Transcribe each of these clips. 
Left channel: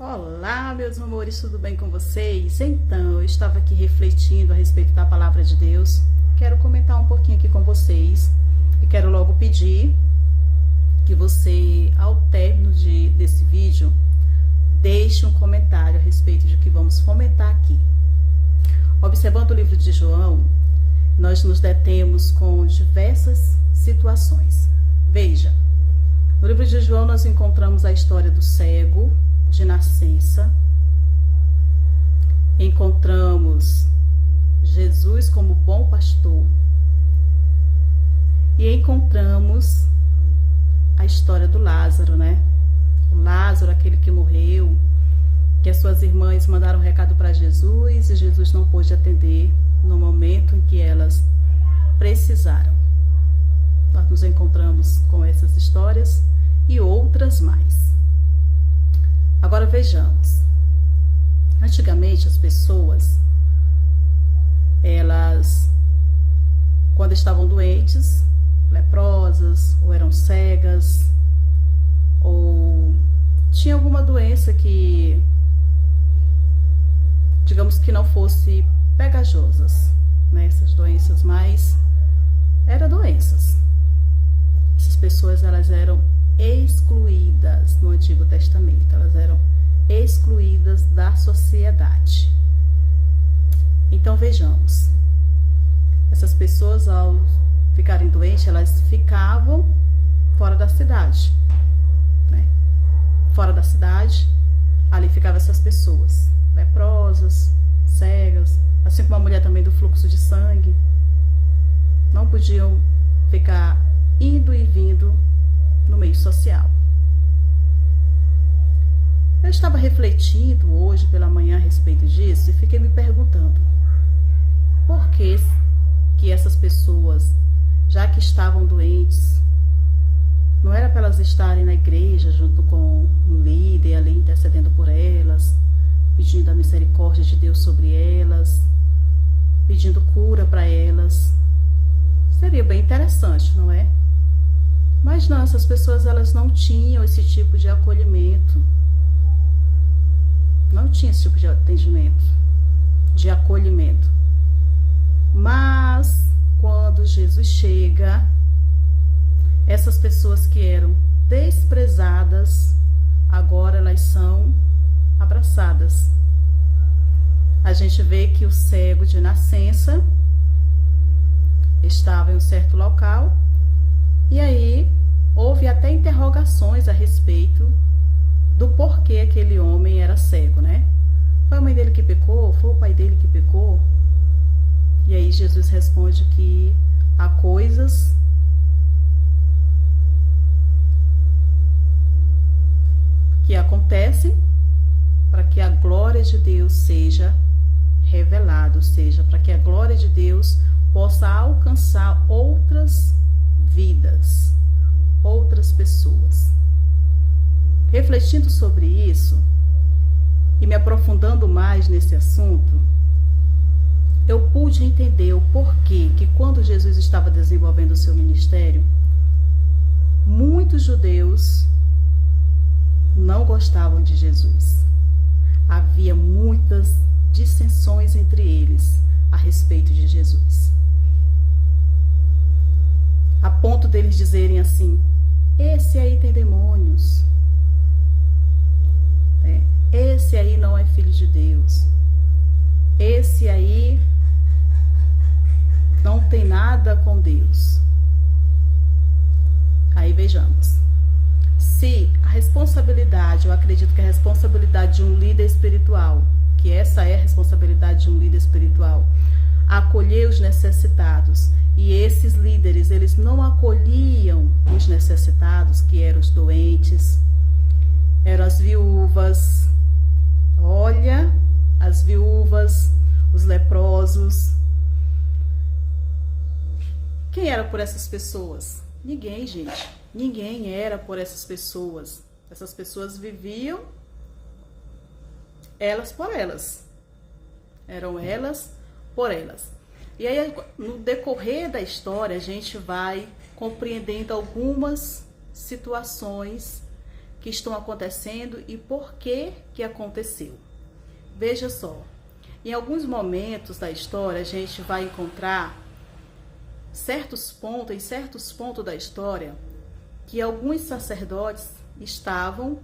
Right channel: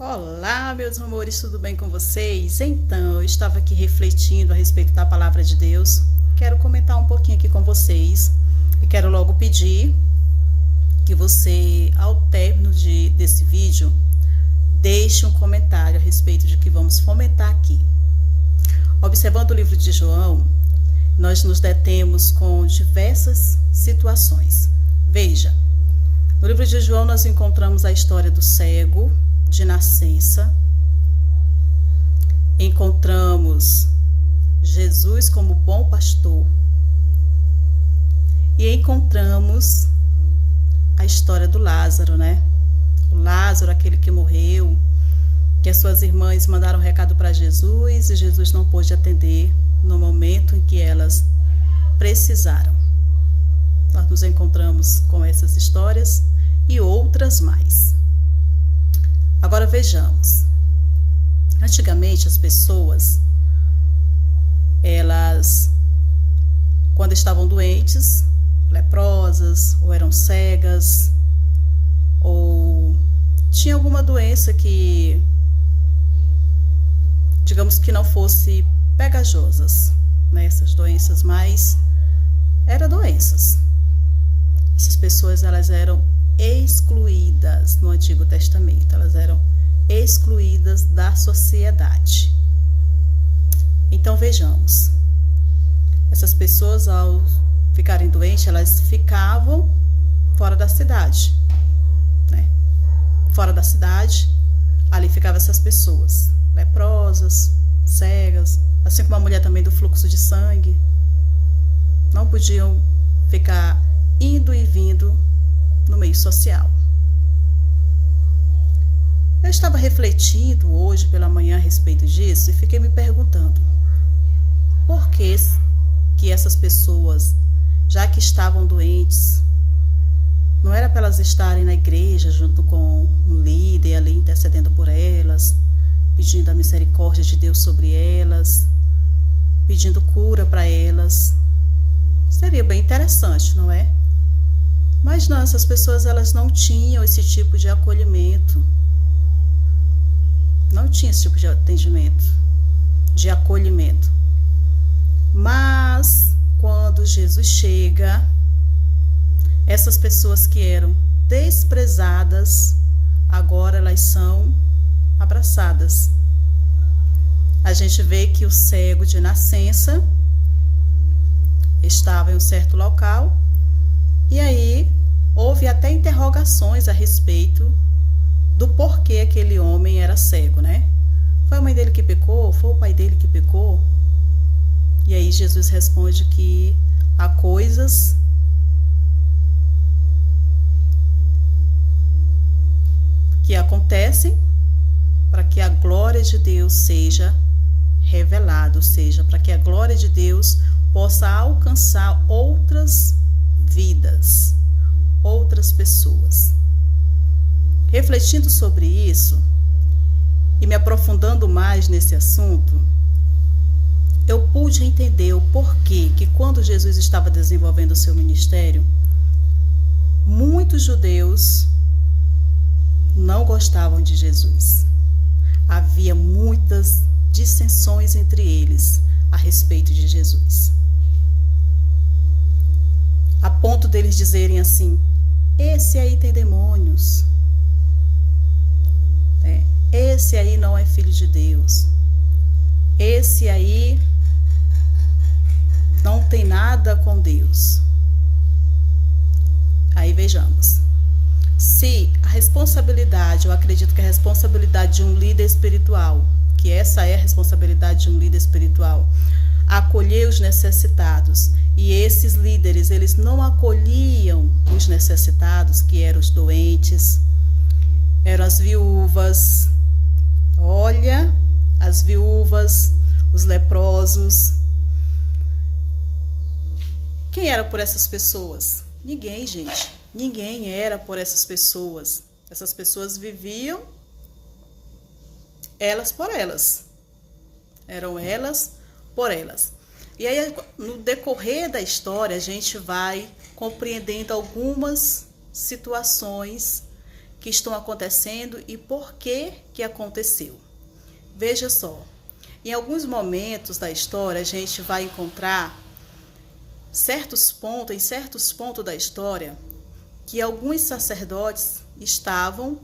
Olá, meus amores, tudo bem com vocês? Então, eu estava aqui refletindo a respeito da palavra de Deus. Quero comentar um pouquinho aqui com vocês e quero logo pedir que você, ao término desse vídeo, deixe um comentário a respeito de que vamos fomentar aqui. Observando o livro de João, nós nos detemos com diversas situações. Veja, no livro de João nós encontramos a história do cego de nascença, encontramos Jesus como bom pastor e encontramos a história do Lázaro, né? O Lázaro, aquele que morreu, que as suas irmãs mandaram um recado para Jesus e Jesus não pôde atender no momento em que elas precisaram. Nós nos encontramos com essas histórias e outras mais. Agora vejamos. Antigamente as pessoas, elas, quando estavam doentes, leprosas, ou eram cegas, ou tinha alguma doença que, digamos que não fosse pegajosas, né? Essas doenças, mas eram doenças. Essas pessoas, elas eram excluídas no Antigo Testamento, elas eram excluídas da sociedade. Então vejamos, essas pessoas, ao ficarem doentes, elas ficavam fora da cidade, né? Fora da cidade, ali ficavam essas pessoas, leprosas, cegas, assim como a mulher também do fluxo de sangue, não podiam ficar indo e vindo no meio social. Eu estava refletindo hoje pela manhã a respeito disso e fiquei me perguntando por que essas pessoas, já que estavam doentes, não era para elas estarem na igreja junto com um líder ali intercedendo por elas, pedindo a misericórdia de Deus sobre elas, pedindo cura para elas. Seria bem interessante, não é? Mas não, essas pessoas, elas não tinham esse tipo de acolhimento. Não tinha esse tipo de atendimento, de acolhimento. Mas, quando Jesus chega, essas pessoas que eram desprezadas, agora elas são abraçadas. A gente vê que o cego de nascença estava em um certo local, e aí houve até interrogações a respeito do porquê aquele homem era cego, né? Foi a mãe dele que pecou? Foi o pai dele que pecou? E aí Jesus responde que há coisas que acontecem para que a glória de Deus seja revelada, ou seja, para que a glória de Deus possa alcançar outras vidas, outras pessoas. Refletindo sobre isso e me aprofundando mais nesse assunto, eu pude entender o porquê que quando Jesus estava desenvolvendo o seu ministério, muitos judeus não gostavam de Jesus. Havia muitas dissensões entre eles a respeito de Jesus. A ponto deles dizerem assim: esse aí tem demônios, esse aí não é filho de Deus, esse aí não tem nada com Deus. Aí vejamos, se a responsabilidade, eu acredito que a responsabilidade de um líder espiritual, que essa é a responsabilidade de um líder espiritual, acolher os necessitados, e esses líderes, eles não acolhiam os necessitados, que eram os doentes, eram as viúvas, olha, as viúvas, os leprosos. Quem era por essas pessoas? Ninguém, gente, ninguém era por essas pessoas. Essas pessoas viviam elas por elas, eram elas por elas. E aí, no decorrer da história, a gente vai compreendendo algumas situações que estão acontecendo e por que que aconteceu. Veja só, em alguns momentos da história a gente vai encontrar em certos pontos da história, que alguns sacerdotes estavam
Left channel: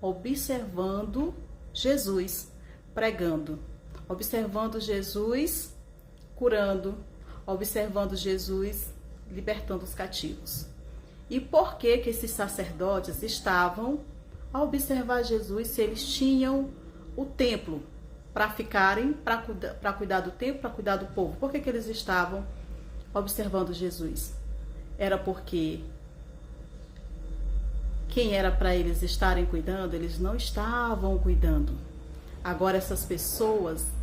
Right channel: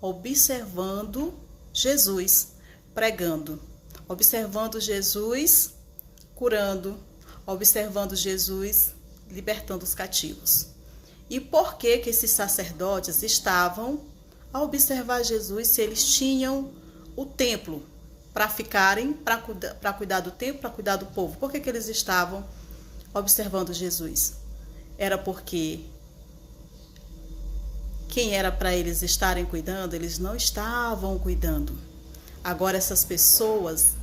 observando Jesus pregando, observando Jesus curando, observando Jesus libertando os cativos. E por que que esses sacerdotes estavam a observar Jesus se eles tinham o templo para ficarem, para cuidar do templo, para cuidar do povo? Por que que eles estavam observando Jesus? Era porque quem era para eles estarem cuidando, eles não estavam cuidando. Agora essas pessoas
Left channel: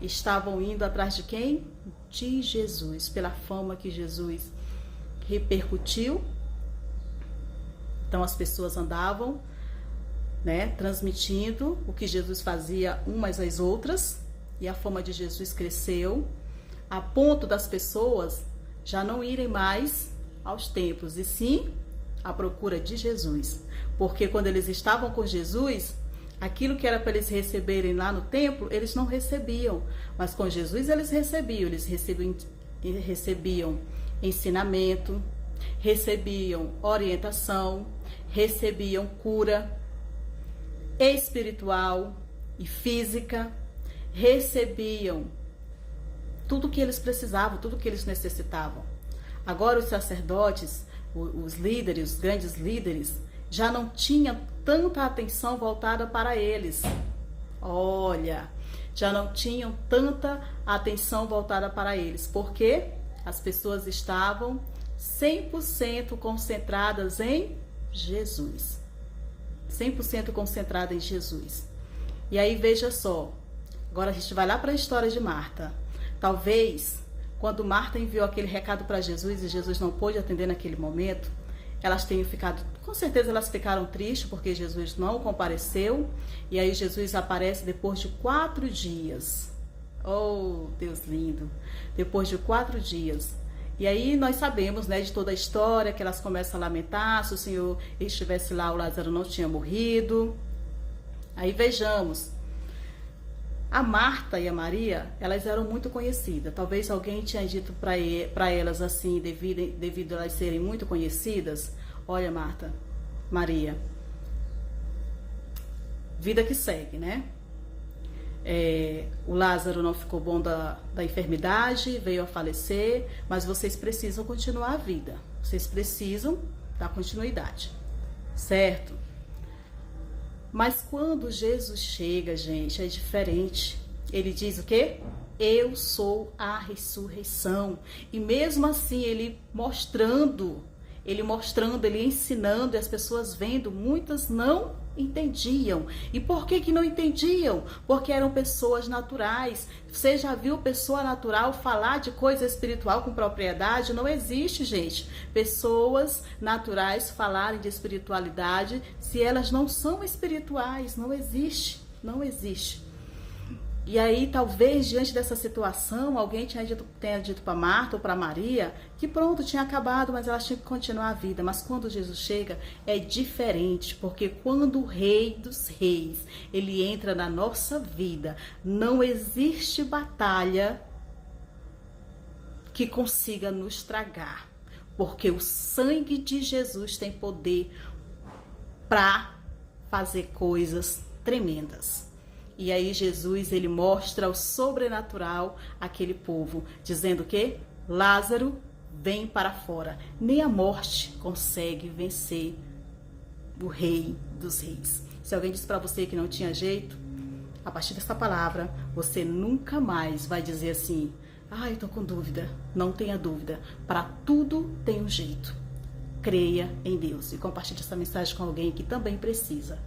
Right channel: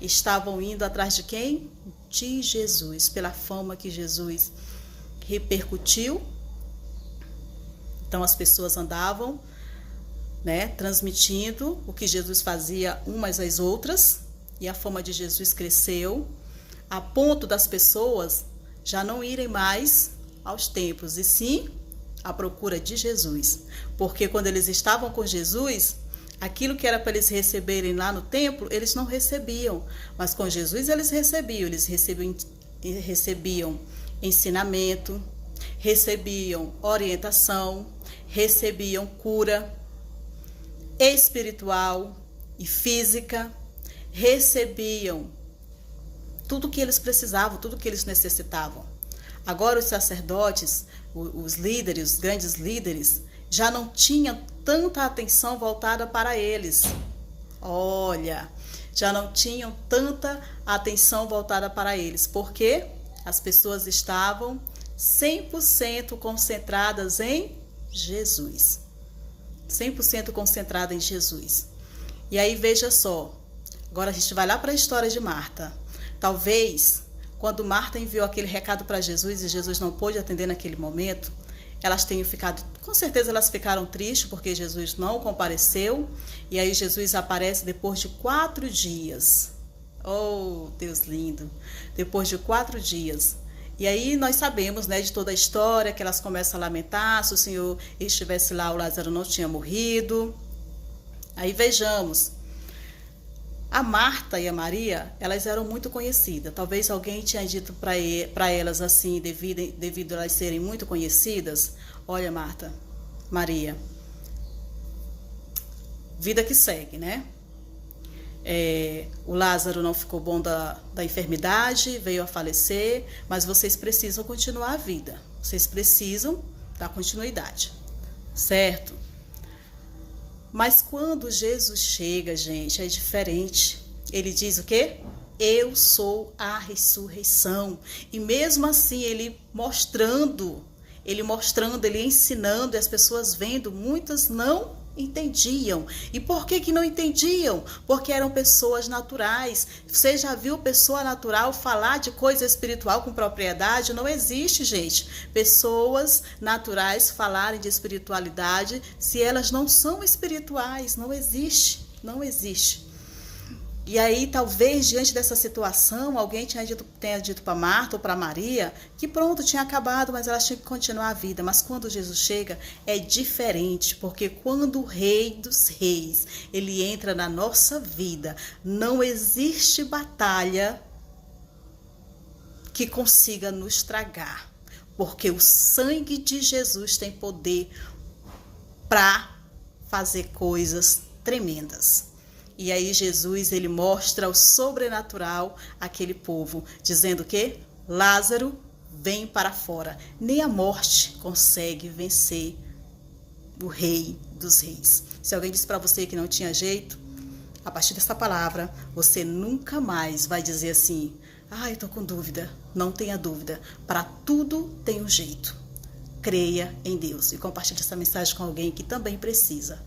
estavam indo atrás de quem? De Jesus, pela fama que Jesus repercutiu. Então as pessoas andavam, transmitindo o que Jesus fazia umas às outras, e a fama de Jesus cresceu, a ponto das pessoas já não irem mais aos templos, e sim à procura de Jesus. Porque quando eles estavam com Jesus, aquilo que era para eles receberem lá no templo, eles não recebiam. Mas com Jesus eles recebiam ensinamento, recebiam orientação, recebiam cura espiritual e física, recebiam tudo que eles precisavam, tudo que eles necessitavam. Agora os sacerdotes, os líderes, os grandes líderes, já não tinham tanta atenção voltada para eles. Olha, já não tinham tanta atenção voltada para eles, porque as pessoas estavam 100% concentradas em Jesus. 100% concentrada em Jesus. E aí veja só, agora a gente vai lá para a história de Marta. Talvez, quando Marta enviou aquele recado para Jesus e Jesus não pôde atender naquele momento, elas tenham ficado, com certeza elas ficaram tristes porque Jesus não compareceu. E aí Jesus aparece depois de 4 dias. Oh, Deus lindo! Depois de 4 dias. E aí nós sabemos, de toda a história, que elas começam a lamentar, se o Senhor estivesse lá, o Lázaro não tinha morrido. Aí vejamos, a Marta e a Maria, elas eram muito conhecidas. Talvez alguém tinha dito para elas assim, devido a elas serem muito conhecidas: olha, Marta, Maria, vida que segue, o Lázaro não ficou bom da enfermidade, veio a falecer, mas vocês precisam continuar a vida, vocês precisam dar continuidade, certo? Mas quando Jesus chega, gente, é diferente. Ele diz o quê? Eu sou a ressurreição. E mesmo assim, ele mostrando, ele ensinando, e as pessoas vendo, muitas não entendiam. E por que não entendiam? Porque eram pessoas naturais. Você já viu pessoa natural falar de coisa espiritual com propriedade? Não existe, gente. Pessoas naturais falarem de espiritualidade se elas não são espirituais. Não existe. Não existe. E aí, talvez, diante dessa situação, alguém tenha dito para Marta ou para Maria que pronto, tinha acabado, mas elas tinham que continuar a vida. Mas quando Jesus chega, é diferente, porque quando o Rei dos Reis, ele entra na nossa vida, não existe batalha que consiga nos tragar, porque o sangue de Jesus tem poder para fazer coisas tremendas. E aí Jesus, ele mostra o sobrenatural àquele povo, dizendo que Lázaro, vem para fora. Nem a morte consegue vencer o Rei dos Reis. Se alguém disse para você que não tinha jeito, a partir dessa palavra, você nunca mais vai dizer assim: eu tô com dúvida. Não tenha dúvida. Para tudo tem um jeito. Creia em Deus e compartilhe essa mensagem com alguém que também precisa.